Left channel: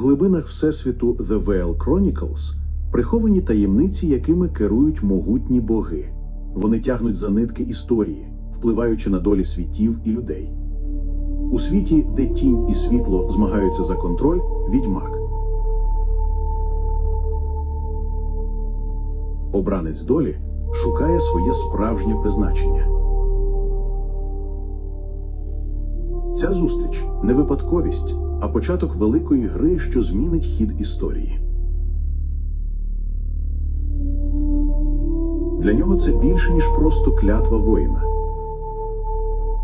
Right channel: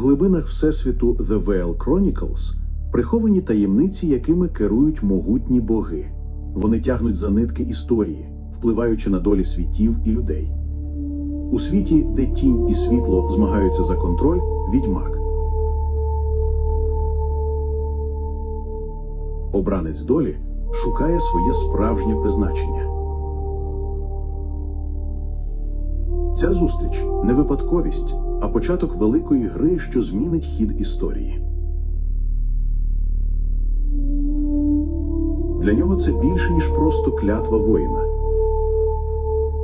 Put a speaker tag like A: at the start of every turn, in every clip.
A: Глибинах Всесвіту The Veil Chronicles приховані таємниці, якими керують могутні боги. Вони тягнуть за нитки історії, впливаючи на долі світів і людей. У світі, де тінь і світло змагаються за контроль, відьмак. Обранець долі шукає своє справжнє призначення. Ця зустріч не випадковість, а початок великої гри, що змінить хід історії. Для нього це більше, ніж просто клятва воїна.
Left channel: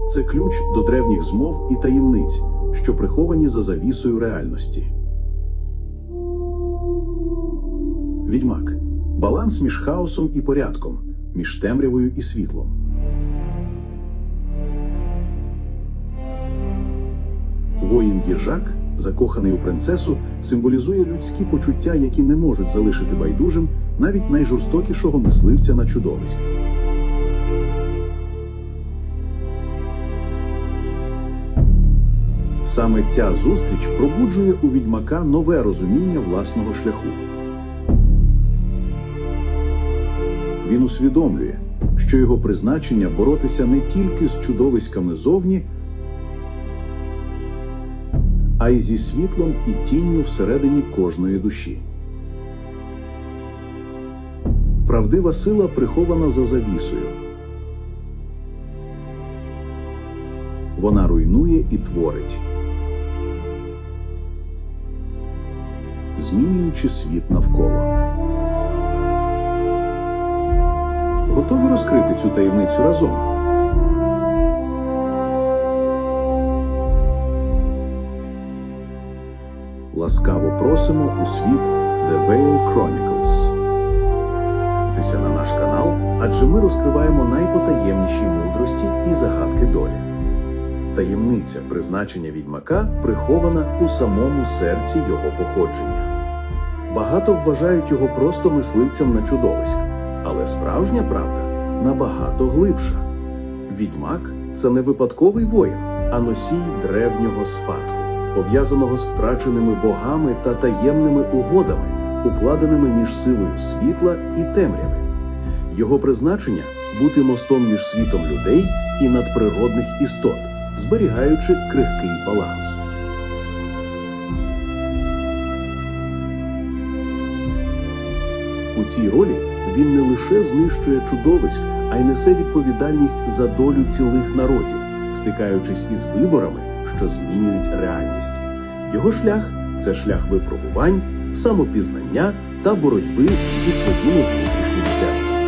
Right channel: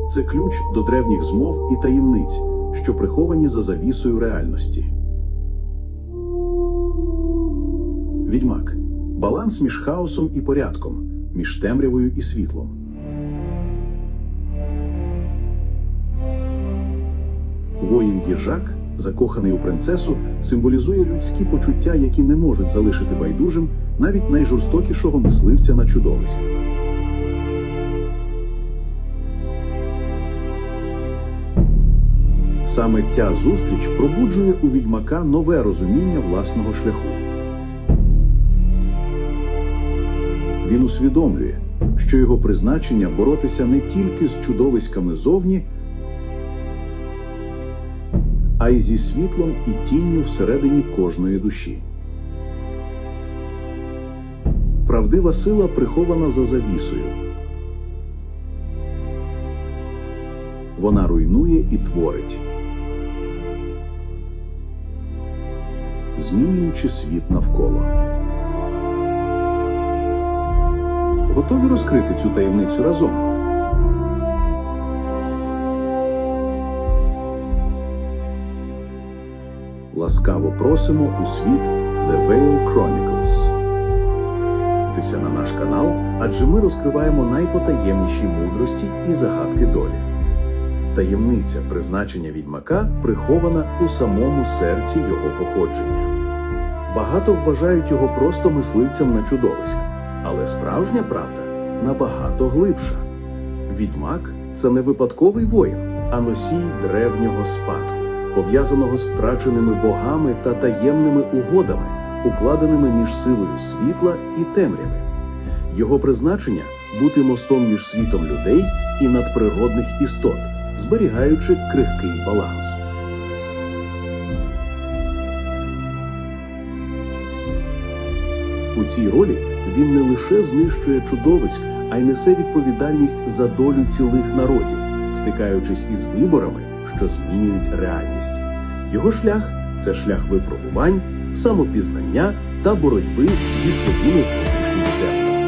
A: Це ключ до древніх змов і таємниць, що приховані за завісою реальності. Відьмак баланс між хаосом і порядком, між темрявою і світлом. Воїн їжак, закоханий у принцесу, символізує людські почуття, які не можуть залишити байдужим навіть найжорстокішого мисливця на чудовиськ. Саме ця зустріч пробуджує у відьмака нове розуміння власного шляху. Він усвідомлює, що його призначення боротися не тільки з чудовиськами зовні, а й зі світлом і тінню всередині кожної душі. Правдива сила прихована за завісою. Вона руйнує і творить, змінюючи світ навколо. Готові розкрити цю таємницю разом? Ласкаво просимо у світ The Veil Chronicles. Підписуйтеся на наш канал, адже ми розкриваємо найпотаємніші мудрості і загадки долі. Таємниця призначення відьмака прихована у самому серці його походження. Багато вважають його просто мисливцем на чудовиськ, але справжня правда набагато глибша. Відьмак це не випадковий воїн, а носій древнього спадку, пов'язаного з втраченими богами та таємними угодами, укладеними між силою світла і темряви. Його призначення бути мостом між світом людей і надприродних істот, зберігаючи крихкий баланс. У цій ролі він не лише знищує чудовиськ, а й несе відповідальність за долю цілих народів, стикаючись із виборами, що змінюють реальність. Його шлях це шлях випробувань, самопізнання та боротьби зі своїми внутрішніми демонами.